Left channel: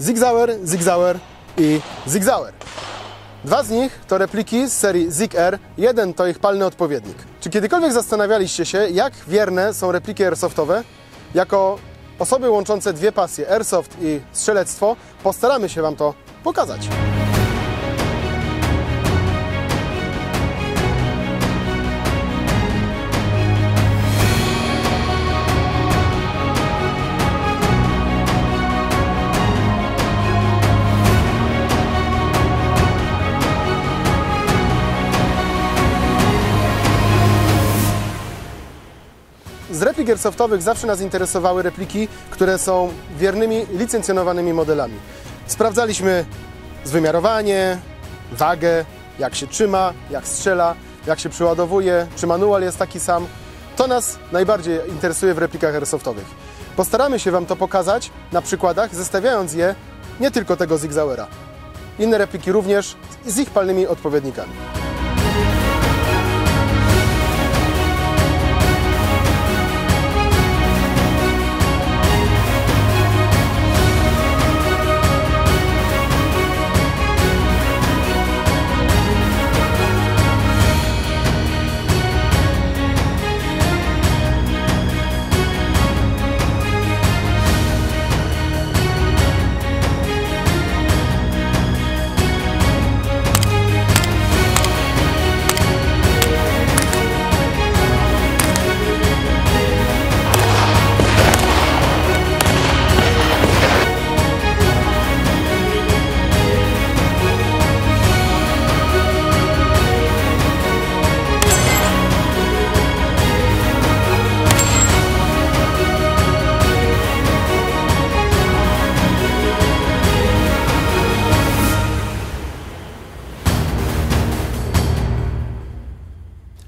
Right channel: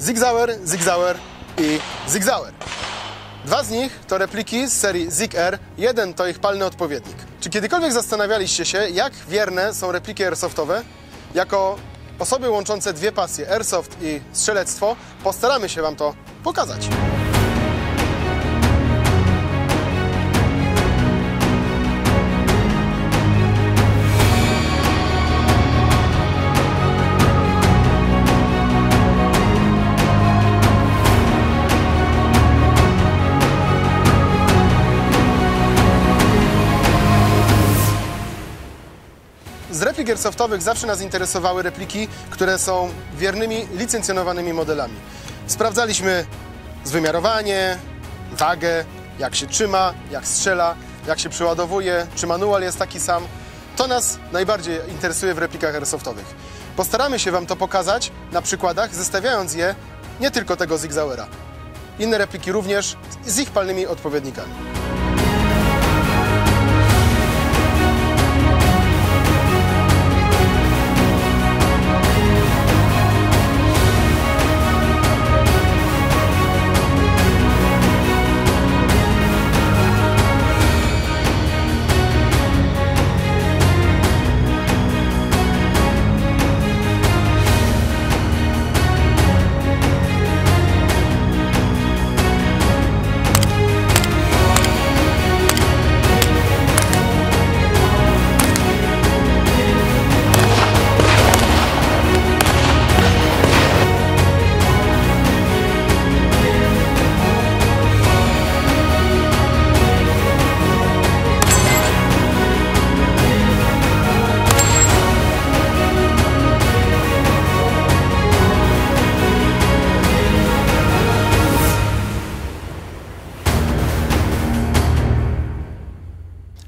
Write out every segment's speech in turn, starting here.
Sig Sauer, Sig Sauer i Sig Sauer. Dwa z nich to repliki z serii Sig Air, jeden to ich palny odpowiednik. Czy kiedykolwiek zastanawialiście się, jak wierne są repliki airsoftowe? Jako osoby łączące dwie pasje, airsoft i strzelectwo, postaramy się Wam to pokazać. Z replik airsoftowych zawsze nas interesowały repliki, które są wiernymi, licencjonowanymi modelami. Sprawdzaliśmy zwymiarowanie, wagę, jak się trzyma, jak strzela, jak się przeładowuje, czy manual jest taki sam. To nas najbardziej interesuje w replikach airsoftowych. Postaramy się Wam to pokazać na przykładach, zestawiając je nie tylko tego Sig Sauera. Inne repliki również z ich palnymi odpowiednikami.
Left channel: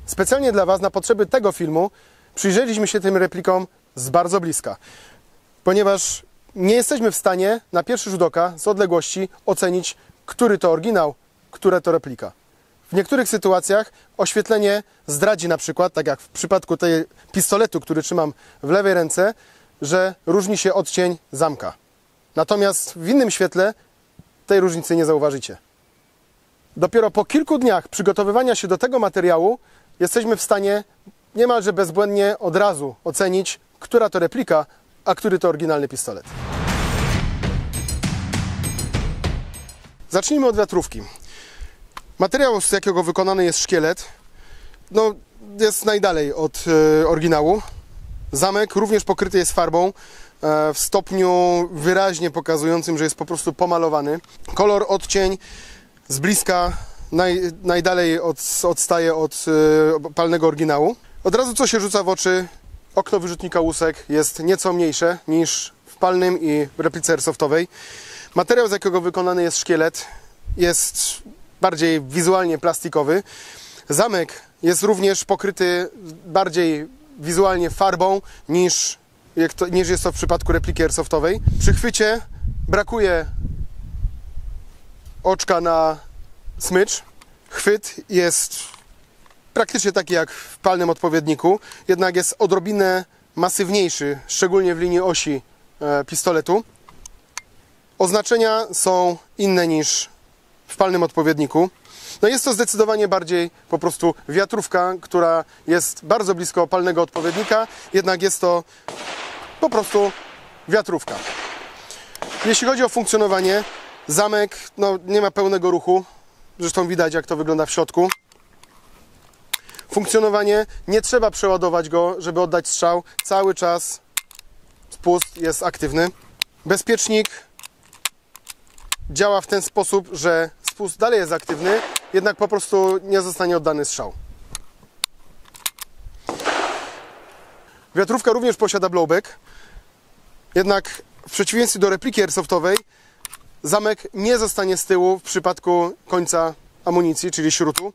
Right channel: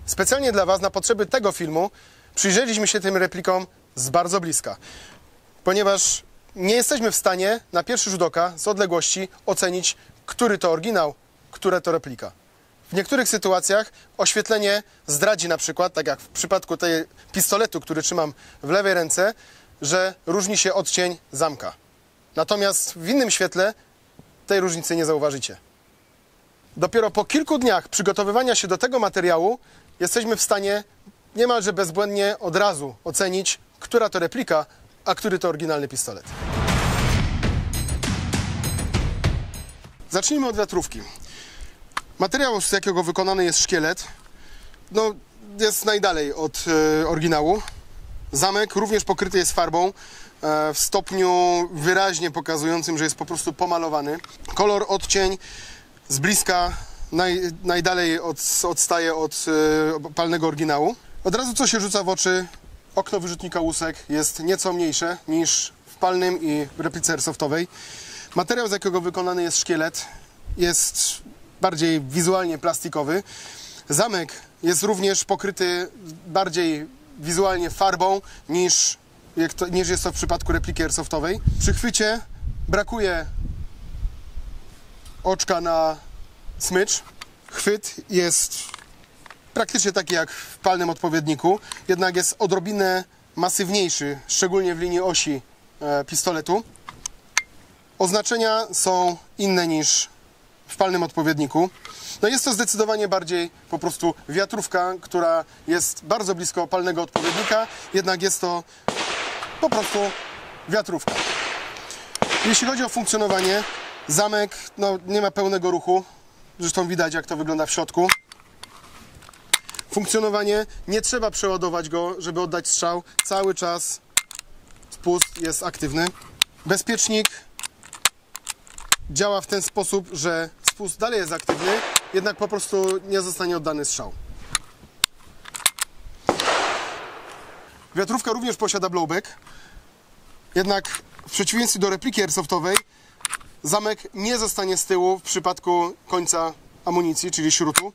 Specjalnie dla Was, na potrzeby tego filmu, przyjrzeliśmy się tym replikom z bardzo bliska, ponieważ nie jesteśmy w stanie na pierwszy rzut oka, z odległości, ocenić, który to oryginał, które to replika. W niektórych sytuacjach oświetlenie zdradzi na przykład, tak jak w przypadku tej pistoletu, który trzymam w lewej ręce, że różni się odcień zamka. Natomiast w innym świetle tej różnicy nie zauważycie. Dopiero po kilku dniach przygotowywania się do tego materiału jesteśmy w stanie niemalże bezbłędnie od razu ocenić, która to replika, a który to oryginalny pistolet. Zacznijmy od wiatrówki. Materiał, z jakiego wykonany jest szkielet, jest najdalej od oryginału. Zamek również pokryty jest farbą w stopniu wyraźnie pokazującym, że jest po prostu pomalowany. Kolor, odcień z bliska najdalej odstaje od palnego oryginału. Od razu co się rzuca w oczy, okno wyrzutnika łusek jest nieco mniejsze niż w palnym i w replice airsoftowej. Materiał, z jakiego wykonany jest szkielet, jest bardziej wizualnie plastikowy. Zamek jest również pokryty bardziej wizualnie farbą niż jest to w przypadku repliki airsoftowej. Przy chwycie brakuje oczka na smycz. Chwyt jest praktycznie taki jak w palnym odpowiedniku, jednak jest odrobinę masywniejszy, szczególnie w linii osi pistoletu. Oznaczenia są inne niż w palnym odpowiedniku. Jest to zdecydowanie bardziej po prostu wiatrówka, która jest bardzo blisko palnego odpowiednika, jednak jest to po prostu wiatrówka. Jeśli chodzi o funkcjonowanie, zamek nie ma pełnego ruchu. Zresztą widać, jak to wygląda w środku. Funkcjonowanie, nie trzeba przeładować go, żeby oddać strzał. Cały czas spust jest aktywny. Bezpiecznik działa w ten sposób, że spust dalej jest aktywny, jednak po prostu nie zostanie oddany strzał. Wiatrówka również posiada blowback, jednak w przeciwieństwie do repliki airsoftowej zamek nie zostanie z tyłu w przypadku końca amunicji, czyli śrutu.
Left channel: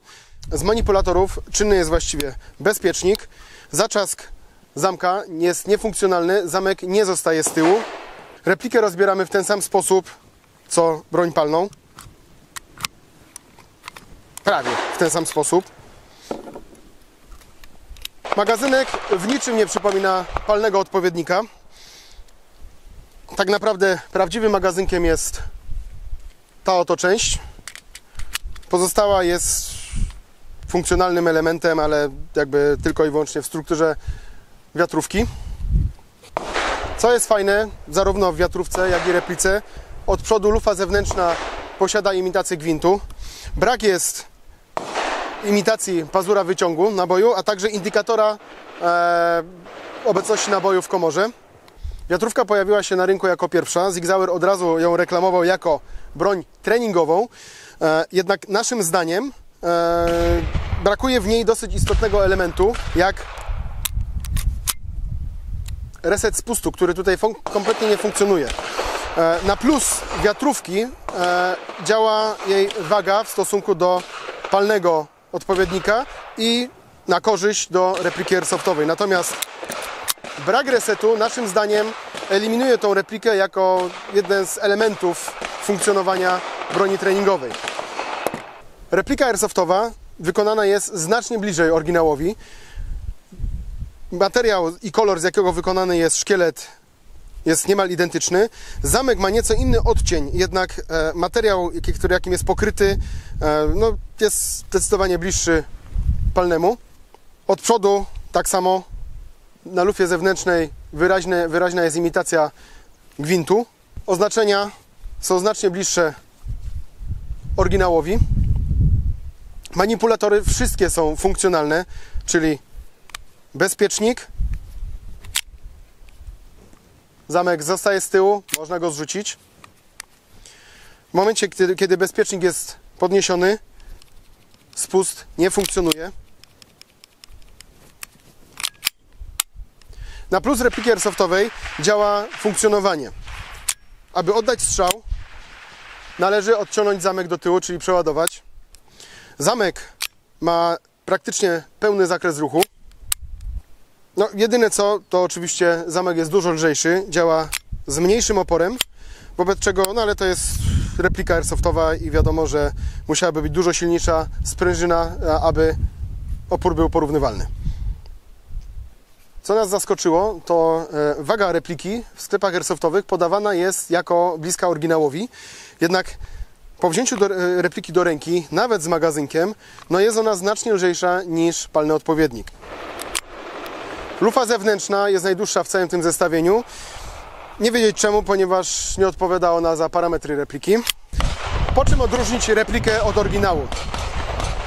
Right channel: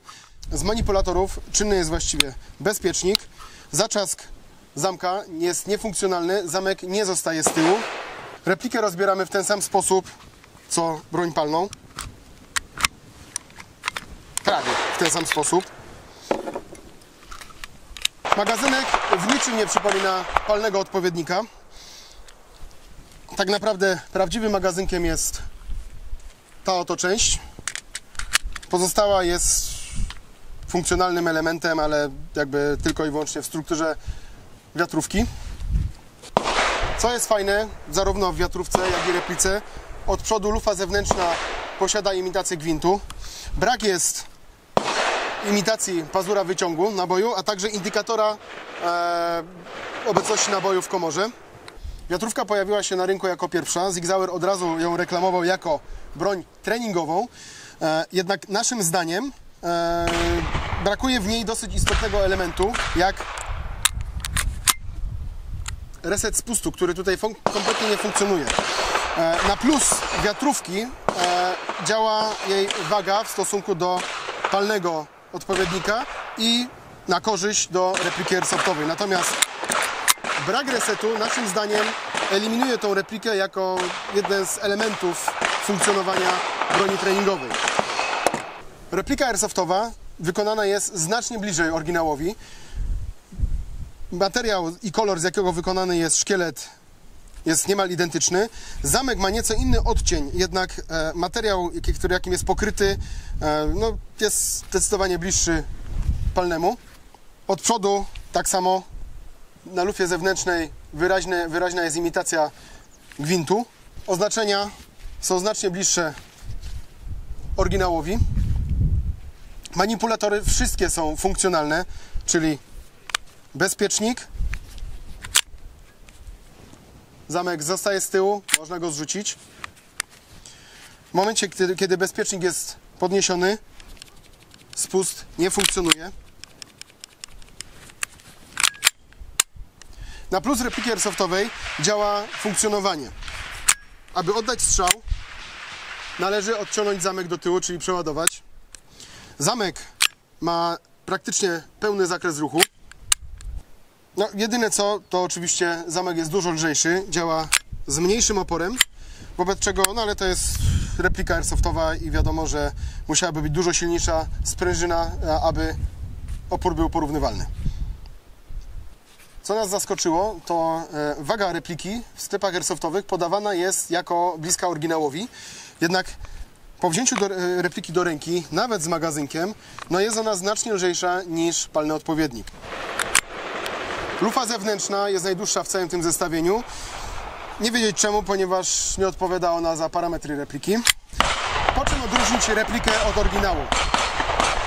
Z manipulatorów czynny jest właściwie bezpiecznik. Zaczask zamka jest niefunkcjonalny, zamek nie zostaje z tyłu. Replikę rozbieramy w ten sam sposób, co broń palną. Prawie w ten sam sposób. Magazynek w niczym nie przypomina palnego odpowiednika. Tak naprawdę prawdziwym magazynkiem jest ta oto część. Pozostała jest funkcjonalnym elementem, ale jakby tylko i wyłącznie w strukturze wiatrówki. Co jest fajne, zarówno w wiatrówce, jak i replice, od przodu lufa zewnętrzna posiada imitację gwintu. Brak jest imitacji pazura wyciągu naboju, a także indykatora obecności naboju w komorze. Wiatrówka pojawiła się na rynku jako pierwsza. Sig Sauer od razu ją reklamował jako broń treningową. Jednak naszym zdaniem brakuje w niej dosyć istotnego elementu, jak reset spustu, który tutaj kompletnie nie funkcjonuje. Na plus wiatrówki działa jej waga w stosunku do palnego odpowiednika i na korzyść do repliki airsoftowej. Natomiast brak resetu, naszym zdaniem, eliminuje tą replikę jako jeden z elementów funkcjonowania broni treningowej. Replika airsoftowa wykonana jest znacznie bliżej oryginałowi. Materiał i kolor, z jakiego wykonany jest szkielet, jest niemal identyczny. Zamek ma nieco inny odcień, jednak materiał, jakim jest pokryty, no, jest zdecydowanie bliższy palnemu. Od przodu tak samo na lufie zewnętrznej wyraźna jest imitacja gwintu. Oznaczenia są znacznie bliższe oryginałowi. Manipulatory wszystkie są funkcjonalne, czyli bezpiecznik. Zamek zostaje z tyłu, można go zrzucić. W momencie, kiedy bezpiecznik jest podniesiony, spust nie funkcjonuje. Na plus repliki airsoftowej działa funkcjonowanie. Aby oddać strzał, należy odciągnąć zamek do tyłu, czyli przeładować. Zamek ma praktycznie pełny zakres ruchu. No, jedyne co, to oczywiście zamek jest dużo lżejszy, działa z mniejszym oporem, wobec czego, no ale to jest replika airsoftowa i wiadomo, że musiałaby być dużo silniejsza sprężyna, aby opór był porównywalny. Co nas zaskoczyło, to waga repliki w sklepach airsoftowych podawana jest jako bliska oryginałowi, jednak po wzięciu repliki do ręki, nawet z magazynkiem, no jest ona znacznie lżejsza niż palny odpowiednik. Lufa zewnętrzna jest najdłuższa w całym tym zestawieniu. Nie wiedzieć czemu, ponieważ nie odpowiada ona za parametry repliki. Po czym odróżnić replikę od oryginału?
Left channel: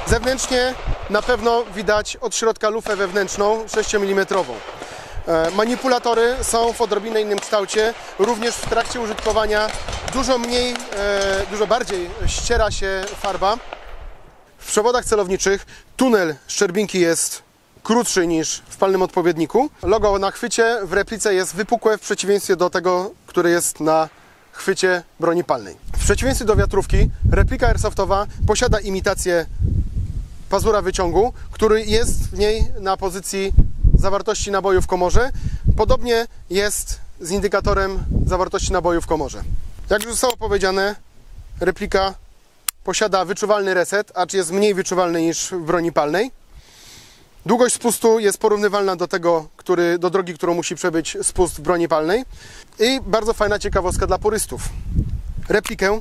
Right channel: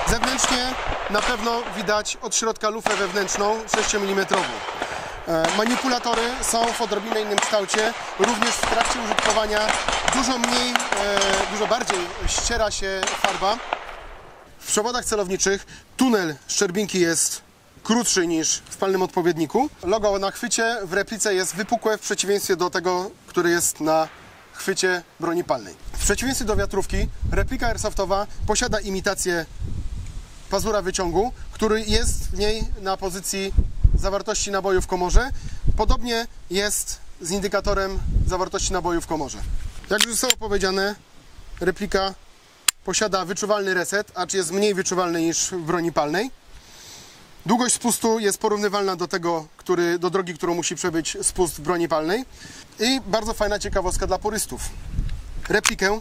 Zewnętrznie na pewno widać od środka lufę wewnętrzną 6 mm. Manipulatory są w odrobinę innym kształcie. Również w trakcie użytkowania dużo bardziej ściera się farba. W przewodach celowniczych tunel szczerbinki jest krótszy niż w palnym odpowiedniku. Logo na chwycie w replice jest wypukłe w przeciwieństwie do tego, które jest na chwycie broni palnej. W przeciwieństwie do wiatrówki, replika airsoftowa posiada imitację pazura wyciągu, który jest w niej na pozycji zawartości naboju w komorze. Podobnie jest z indykatorem zawartości naboju w komorze. Jak już zostało powiedziane, replika posiada wyczuwalny reset, acz jest mniej wyczuwalny niż w broni palnej. Długość spustu jest porównywalna do drogi, którą musi przebyć spust w broni palnej. I bardzo fajna ciekawostka dla purystów. Replikę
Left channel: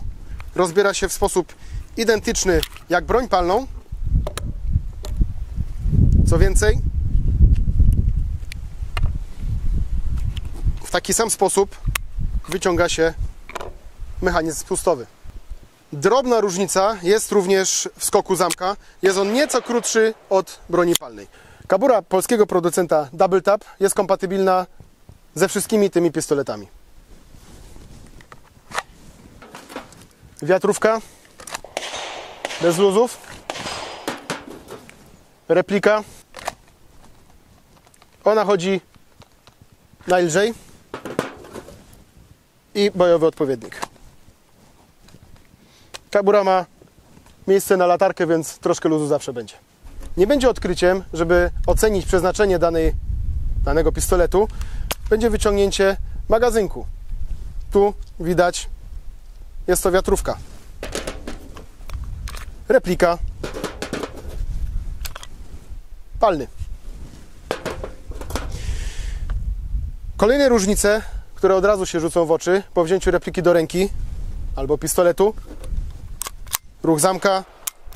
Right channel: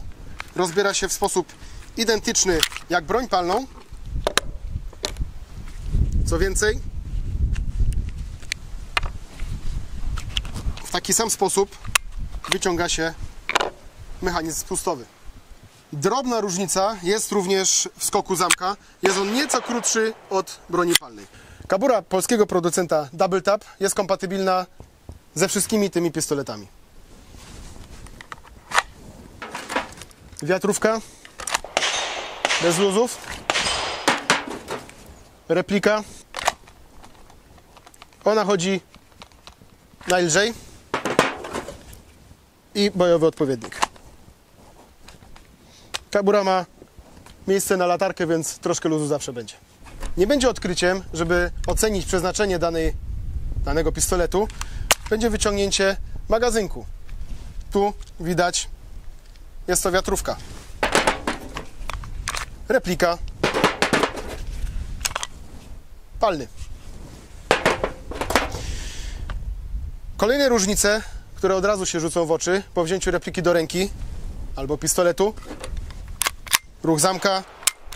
rozbiera się w sposób identyczny jak broń palną. Co więcej, w taki sam sposób wyciąga się mechanizm spustowy. Drobna różnica jest również w skoku zamka. Jest on nieco krótszy od broni palnej. Kabura polskiego producenta Double Tap jest kompatybilna ze wszystkimi tymi pistoletami. Wiatrówka bez luzów. Replika. Ona chodzi najlżej. I bojowy odpowiednik. Kabura ma miejsce na latarkę, więc troszkę luzu zawsze będzie. Nie będzie odkryciem, żeby ocenić przeznaczenie danego pistoletu, będzie wyciągnięcie magazynku. Tu widać, jest to wiatrówka. Replika. Palny. Kolejne różnice, które od razu się rzucą w oczy po wzięciu repliki do ręki albo pistoletu. Ruch zamka,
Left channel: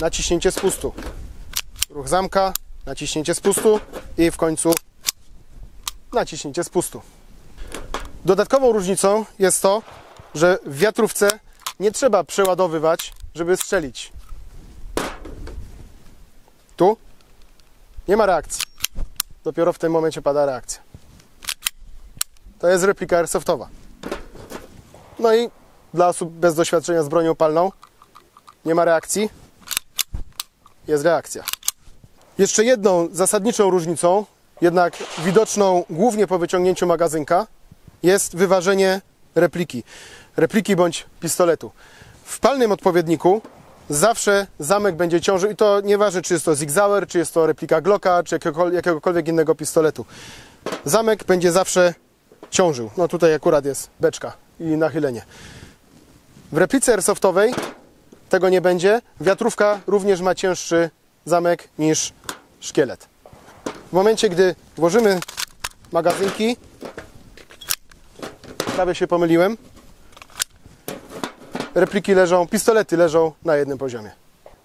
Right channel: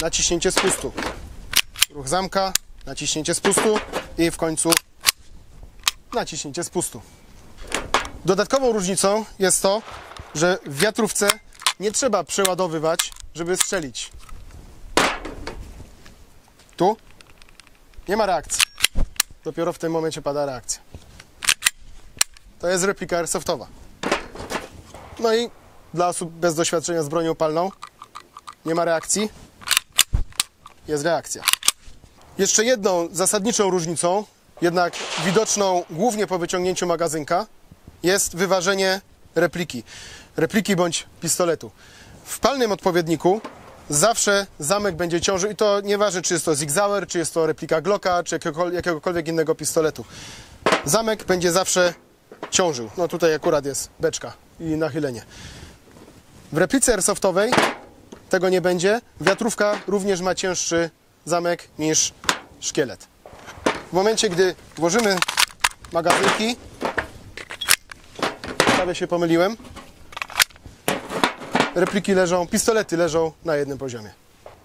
naciśnięcie spustu. Ruch zamka, naciśnięcie spustu i w końcu naciśnięcie spustu. Dodatkową różnicą jest to, że w wiatrówce nie trzeba przeładowywać, żeby strzelić. Tu nie ma reakcji. Dopiero w tym momencie pada reakcja. To jest replika airsoftowa. No i dla osób bez doświadczenia z bronią palną nie ma reakcji, jest reakcja. Jeszcze jedną zasadniczą różnicą, jednak widoczną głównie po wyciągnięciu magazynka, jest wyważenie repliki bądź pistoletu. W palnym odpowiedniku zawsze zamek będzie ciążył i to nieważne, czy jest to Sig Sauer, czy jest to replika Glocka, czy jakiegokolwiek innego pistoletu. Zamek będzie zawsze ciążył. No tutaj akurat jest beczka i nachylenie. W replice airsoftowej tego nie będzie. Wiatrówka również ma cięższy zamek niż szkielet. W momencie, gdy włożymy magazynki, prawie się pomyliłem, pistolety leżą na jednym poziomie.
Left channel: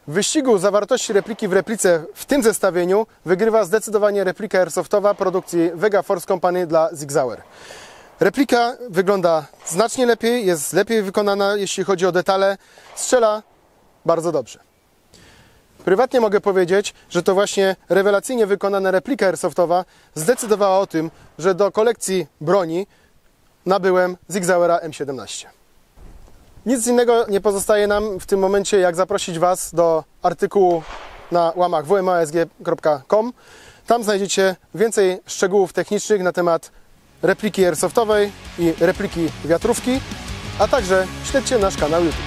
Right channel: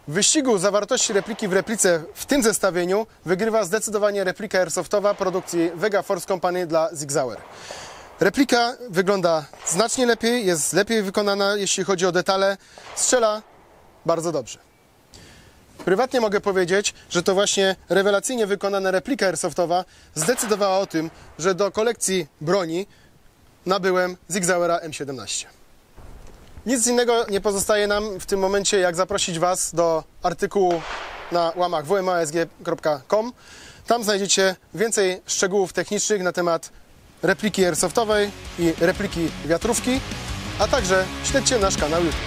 W wyścigu zawartości repliki w replice w tym zestawieniu wygrywa zdecydowanie replika airsoftowa produkcji Vega Force Company dla Sig Sauer. Replika wygląda znacznie lepiej, jest lepiej wykonana, jeśli chodzi o detale, strzela bardzo dobrze. Prywatnie mogę powiedzieć, że to właśnie rewelacyjnie wykonana replika airsoftowa zdecydowała o tym, że do kolekcji broni nabyłem Sig Sauera M17. Nic innego nie pozostaje nam w tym momencie, jak zaprosić Was do artykułu na łamach wmasg.com. Tam znajdziecie więcej szczegółów technicznych na temat repliki airsoftowej i repliki wiatrówki, a także śledźcie nasz kanał YouTube.